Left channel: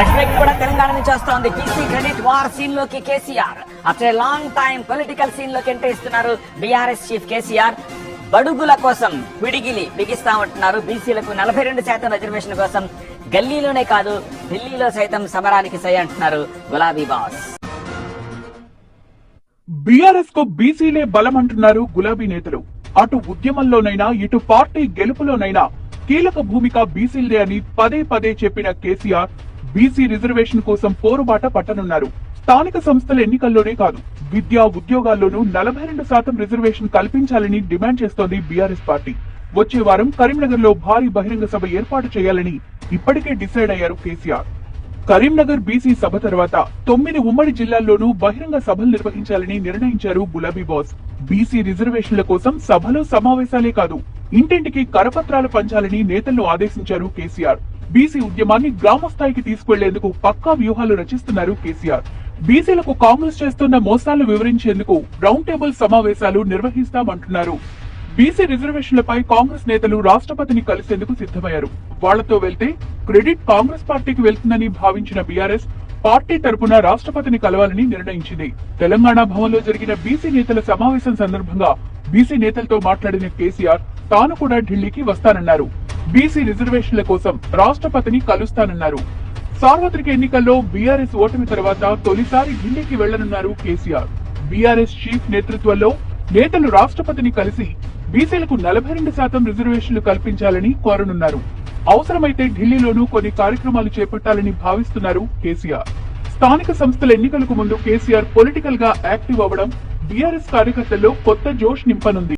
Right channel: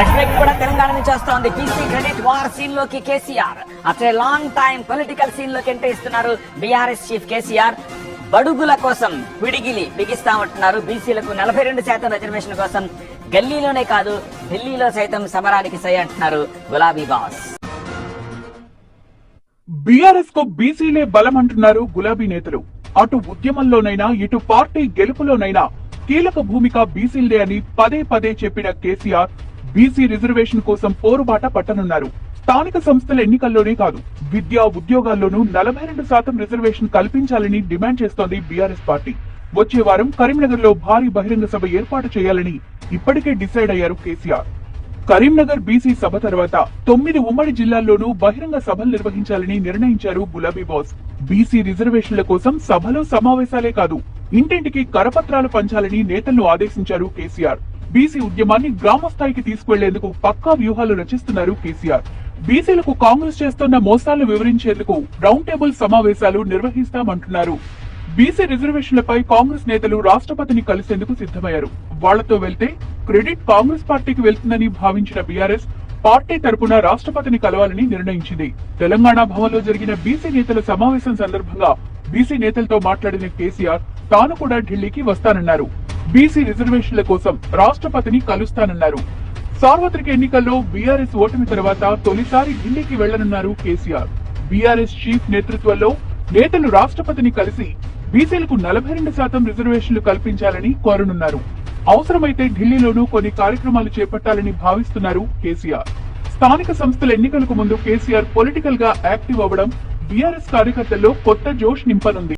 రెట్రిక్ కూడా తెలంగాణ నుంచి వస్తోంది. బీసీ క్రెడిట్ వార్ సీన్ లోకి KCR after a long time political scene లోకి ఎంట్రీ ఇస్తున్నారు బీఆర్ఎస్ చీఫ్ కేసీఆర్. బడుగుల కోసం పిడిగిలి బిగిస్తామంటున్నారు. బీసీలకు 42% రిజర్వేషన్ కోసం గల్లీలోనే కాదు ఢిల్లీలో సైతం సమరానికి సై అంటున్నారు గులాబీ బాస్. బీఆర్ఎస్ కు బీసీలే బలం అంటున్నారు గులాబీ నేతలు. అటు ఉద్యమంలోనైనా ఇటు పార్టీ గెలుపులోనైనా కీలక భూమిక బీసీలదే అని పదే పదే చెప్పిన కేసీఆర్ బీసీ రిజర్వేషన్ కోసం పోరుబాట పట్టనున్నారు. స్థానిక సంస్థల ఎన్నికల్లోనే కాదు విద్యా ఉద్యోగాల్లోనూ 42% రిజర్వేషన్ కల్పించాలని డిమాండ్ చేస్తోంది బీఆర్ఎస్ పార్టీ. వచ్చే వారం కరీంనగర్ లో భారీ బహిరంగ సభ ఏర్పాటు చేయాలని ఇప్పటికే డిసైడ్ అయ్యారు కేసీఆర్. కరీంనగర్ బీసీ సభ తర్వాత 9 ఉమ్మడి జిల్లాల్లోనూ బహిరంగ సభలు నిర్వహించాలని నిర్ణయించారు గులాబీ బాస్. బీసీ రిజర్వేషన్ల కోసం సభలు సమావేశాలే కాదు ఇంటింటికి కరపత్రాలు పంచాలని నేతలను ఆదేశించారు కేసీఆర్. బీసీ ఉద్యమాన్ని గ్రామ స్థాయికి తీసుకెళ్లేందుకు పక్కా వ్యూహాలు రచిస్తున్నారు కేసీఆర్. బీసీలకు కాంగ్రెస్ చేస్తున్న మోసాలు వివరించేందుకు రౌండ్ టేబుల్ సమావేశాలు నిర్వహిస్తామంటున్నారు. బీసీ రిజర్వేషన్లపై కాంగ్రెస్ నేతలు రాష్ట్రపతిని కలిసేందుకు సిద్ధమయ్యారు. వాళ్లతో వెళ్తే క్రెడిట్ కాంగ్రెస్ పార్టీకి వెళ్తుందని భావించిన బీఆర్ఎస్ పార్టీ తరపున రాష్ట్రపతిని కలవాలని నిర్ణయించింది. తెలంగాణ భవన్లో జరిగిన బీసీ నేతల సమావేశం సందర్భంగా బీసీ నేతలతో మాట్లాడిన కేసీఆర్ తాను కూడా ఢిల్లీకి వస్తానన్నారు. బీసీ రిజర్వేషన్ల కోసం రాష్ట్రపతిని కలుస్తానన్నారు. సార్వత్రిక ఎన్నికల్లో బీఆర్ఎస్ ఓటమి తర్వాత తొలిసారి ఢిల్లీకి వెళ్లనున్నారు కేసీఆర్. బీఆర్ఎస్ చీఫ్ నేతృత్వంలో నేతలు రాష్ట్రపతిని కలిసి బీసీలకు 42% రిజర్వేషన్లు కల్పించాలని కోరనున్నారు. అవసరమైతే ఢిల్లీలోనూ కొన్ని కార్యక్రమాలు చేపట్టాలని భావిస్తున్నారు కేసీఆర్. స్థానిక సంస్థల ఎన్నికలకు ముందు కేసీఆర్ పొలిటికల్ గా యాక్టివ్ అవ్వడం బీఆర్ఎస్ కార్యకర్తల్లో కొత్త జోష్ నింపనుంది.